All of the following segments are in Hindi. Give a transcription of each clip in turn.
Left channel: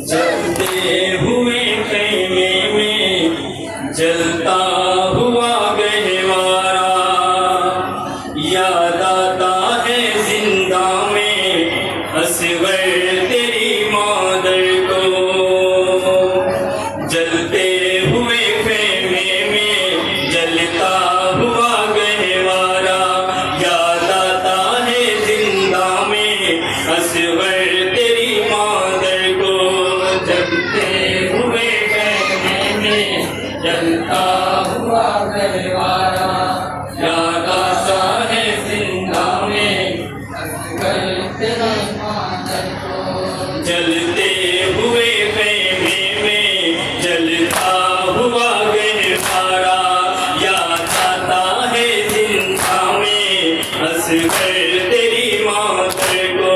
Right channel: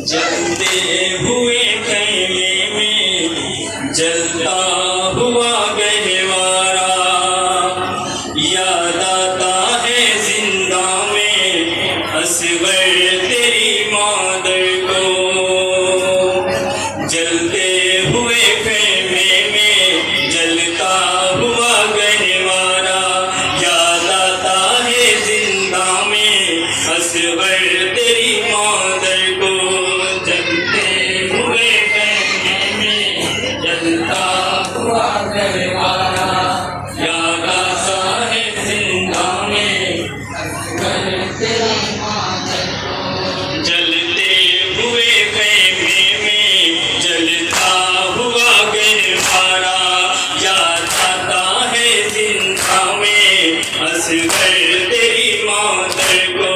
जलते हुए खेमे में जलता हुआ गहवारा, याद आता है जिंदा में असगर तेरी मादर को। जलते हुए खेमे में जलता हुआ गहवारा, याद आता है जिंदा में असगर तेरी मादर को। जलते हुए खेमे में जलता हुआ गहवारा, याद आता है जिंदा में असगर तेरी मादर को। जलते हुए खेमे में जलता हुआ गहवारा, याद आता है जिंदा में असगर तेरी मादर को।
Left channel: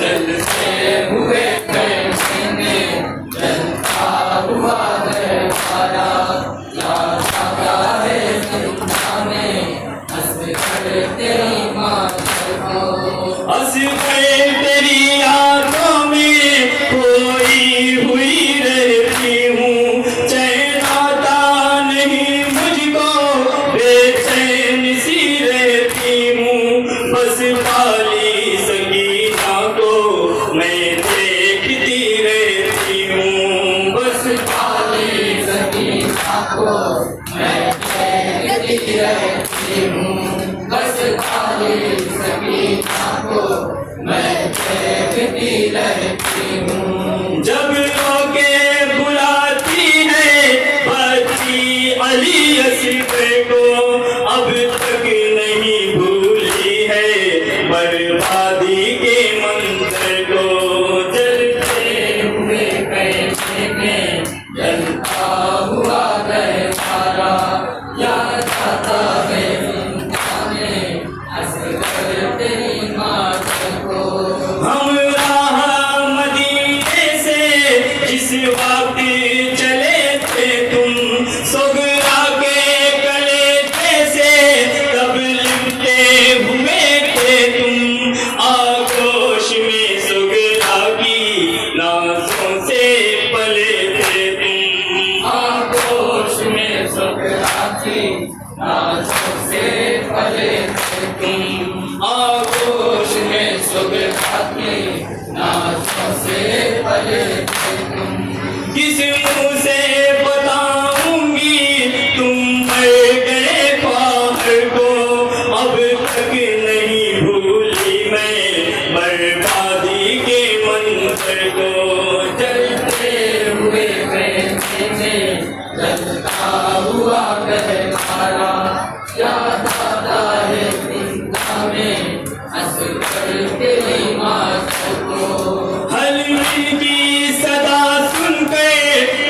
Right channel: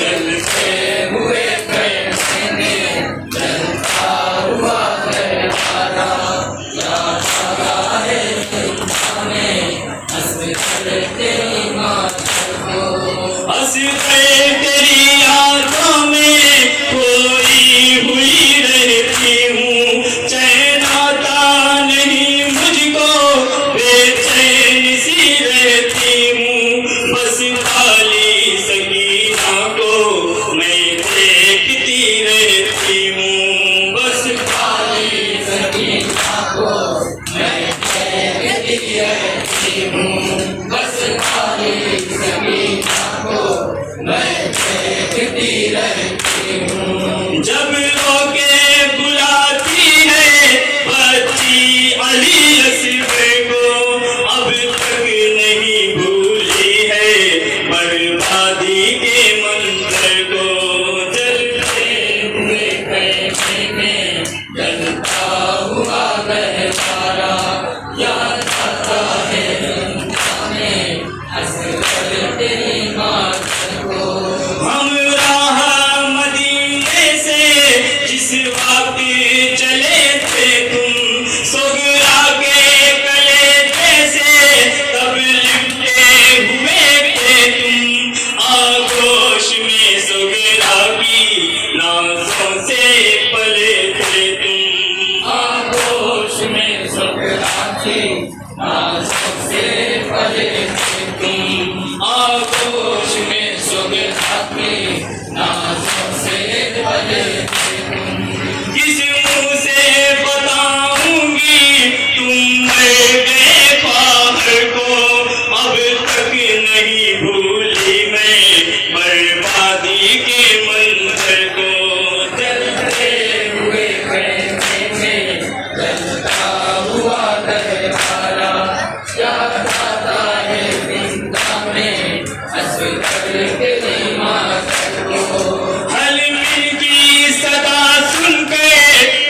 जलते हुए खेमे में जलता हुआ गहवारा, याद आता है जिंदा में असगर तेरी मादर को। असगर तेरी यादों में खोई हुई रहती हूँ, चैन आता नहीं मुझको, बेचैन सी रहती हूँ। बस पाली सकीना को मैं देखती रहती हूँ, बस पाली सकीना को मैं देखती रहती हूँ, बस पाली सकीना को मैं देखती रहती हूँ। जब रोके बुलाती है बच्ची अली असगर को, अब तक नहीं भूली है बर्बादी के मंजर को। जलते हुए खेमे में जलता हुआ गहवारा, याद आता है जिंदा में असगर तेरी मादर को। हम राह मदीने से जिस वक्त चले थे तुम, सोगरा के कलेजे से तब लिपटे हुए थे तुम। आगोश में सोगरा की नाज़ों से पले थे तुम, आगोश में सोगरा की नाज़ों से पले थे तुम, आगोश में सोगरा की नाज़ों से पले थे तुम। किस मुँह से बताऊंगी तुम मर गए ख्वाहिर को, अब तक नहीं भूली मैं बर्बादी के मंजर को। जलते हुए खेमे में जलता हुआ गहवारा, याद आता है जिंदा में असगर तेरी मादर को। हलमी की सदा सुनकर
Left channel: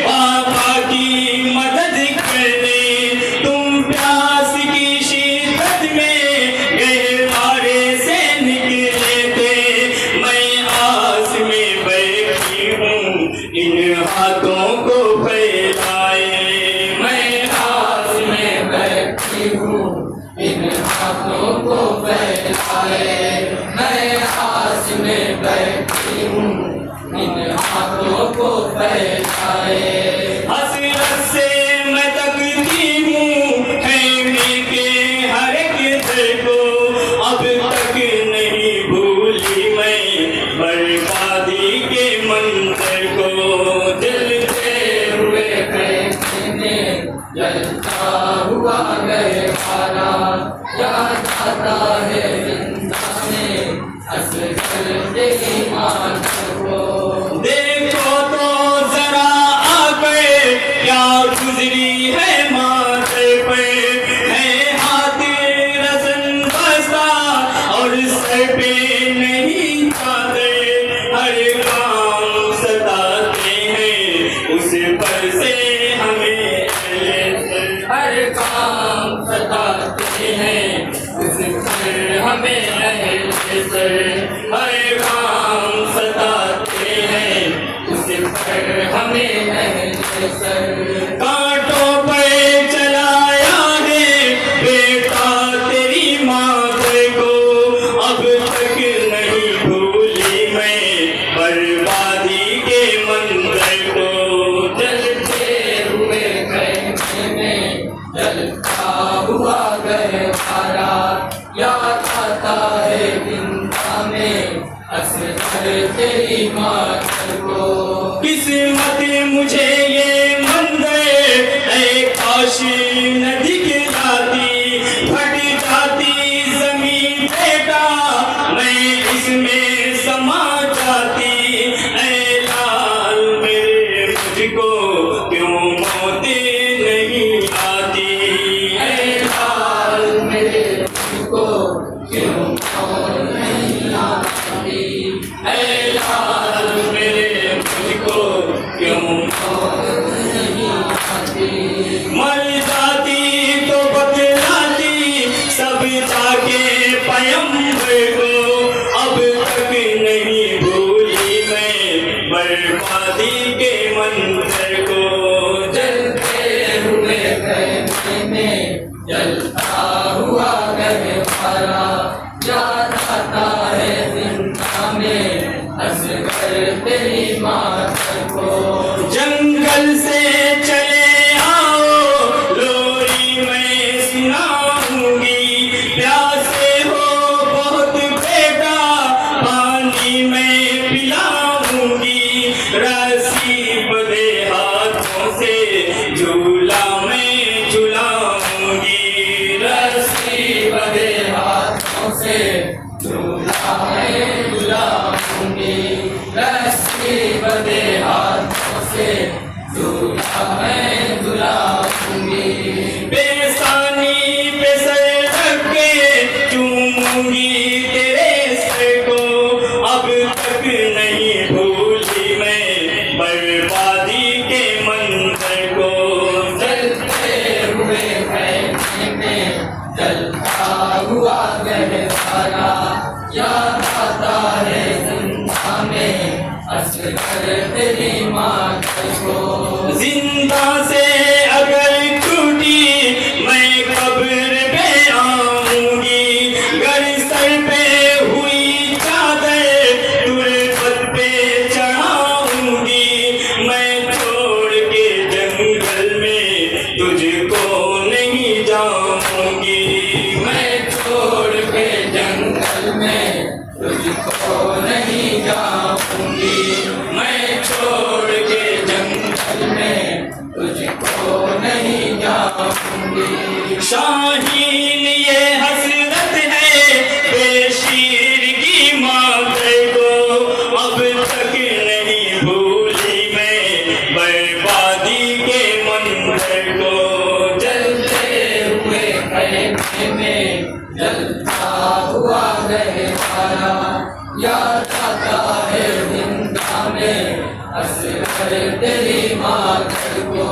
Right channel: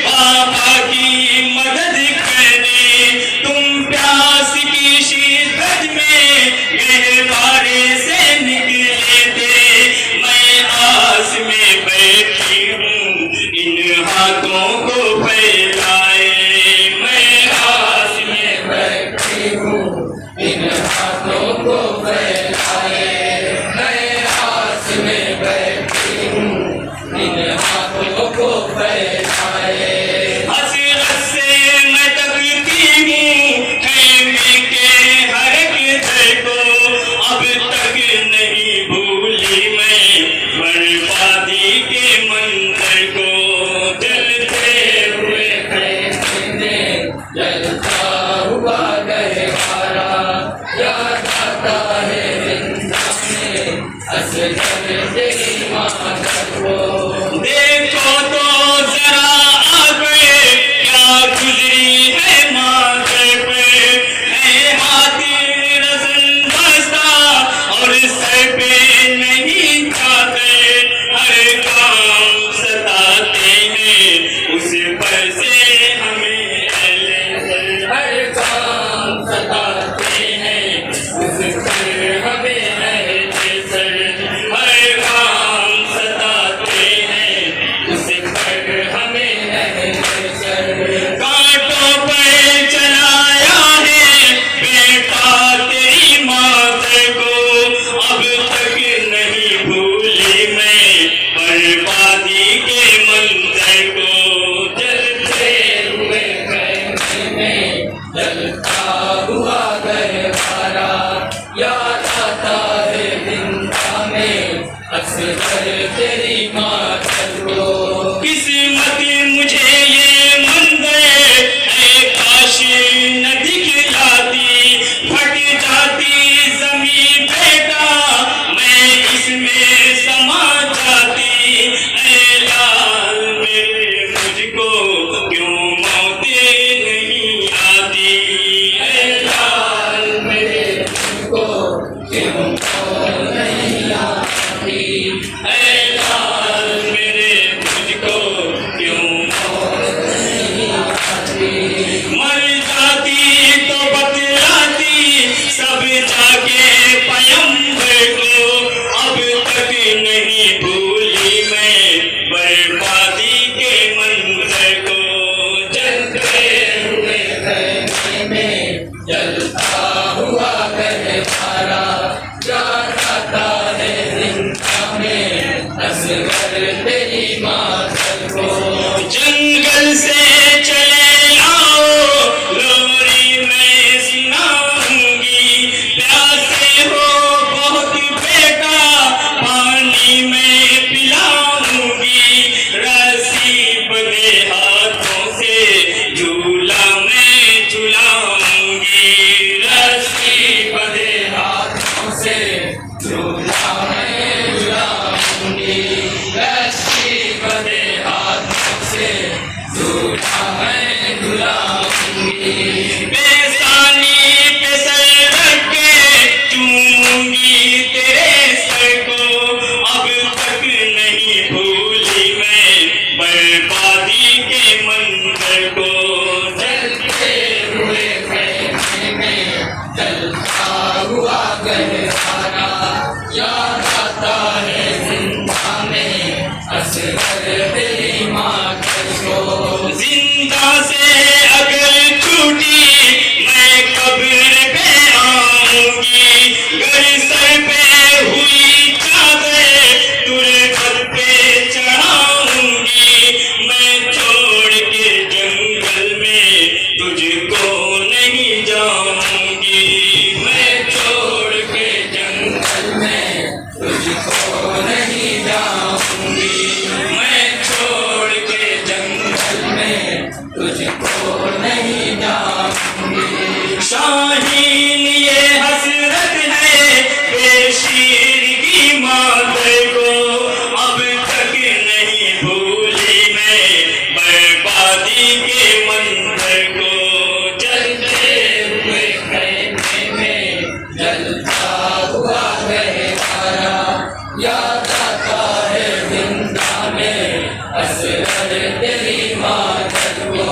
बाबा की मदद करने तुम प्यास की शिद्दत में गहवारे से निकले थे। मैं आस में बैठी हूँ इन हाथों को फैलाए, मैं आस में बैठी हूँ इन हाथों को फैलाए, मैं आस में बैठी हूँ इन हाथों को फैलाए। हसरत से मैं तकती हूँ खेमे के हर एक दर को, अब तक नहीं भूली मैं बर्बादी के मंजर को। जलते हुए खेमे में जलता हुआ गहवारा, याद आता है जिंदा में असगर तेरी मादर को। देखो तो जरा आगे क्या गुजरी है मादर पे, है हाथ रज़न बस्ता और सर पे नहीं चादर। हर काम सताते हैं उस पर से हमें, हर काम सताते हैं उस पर हमें है सर, हर काम सताते हैं उस पर हमें है सर। कांटों पर चलाया है बेटा तेरी मादर को, अब तक नहीं भूली मैं बर्बादी के मन मंजर को जलते हुए कहने में जलता हुआ गहवारा याद आता है जिंदा में असगर तेरी मातम को। किस्मत मुझे ये मंजर है काश न दिखलाती, फट जाती जमीन बेटा मैं इसमें समा जाती। ऐ लाल मेरे मुझको क्यों मौतें नहीं आती, ऐ लाल मेरे मुझको क्यों मौत नहीं आती, ऐ लाल मेरे मुझको क्यों मौत नहीं आती। मर जाती तो बतलाती सब जाके पैगंबर को, अब तक नहीं भूली मैं बर्बादी के मंजर को। जलते हुए कहने में जलता हुआ गहवारा याद आता है जिंदा में असगर तेरी मातम को। जंगल से चले आओ लोरी मैं सुनाऊंगी, प्यासे हो बहुत बेटा पानी मैं पिलाऊंगी। रस्सी बंधे हाथों से झूला मैं झुलाऊंगी, रस्सी बंधे हाथों से झूला मैं झुलाऊंगी, रस्सी बंधे हाथों से झूला मैं झुलाऊंगी। बेसानी पे सर रख के चूमूंगी तेरे सर को, अब तक नहीं भूली मैं बर्बादी के मंजर को। जलते हुए कहने में जलता हुआ गहवारा याद आता है जिंदा में असगर तेरी मातम को। जिंदा से अगर छूटी मैं कब्र पे आऊंगी, घर सर पे हुई चादर तुरबत पे चढ़ाऊंगी। मैं छोड़ के जंगल में तुझको नहीं जाऊंगी, मैं छोड़ के जंगल में तुझको नहीं जाऊंगी, मैं छोड़ के जंगल में तुझको नहीं जाऊंगी। शाहीन ये हसरत है बेशीर की मातम को, अब तक नहीं भूली मैं बर्बादी के मंजर को। जलते हुए कहने में जलता हुआ गहवारा याद आता है जिंदा में असगर तेरी मातम को।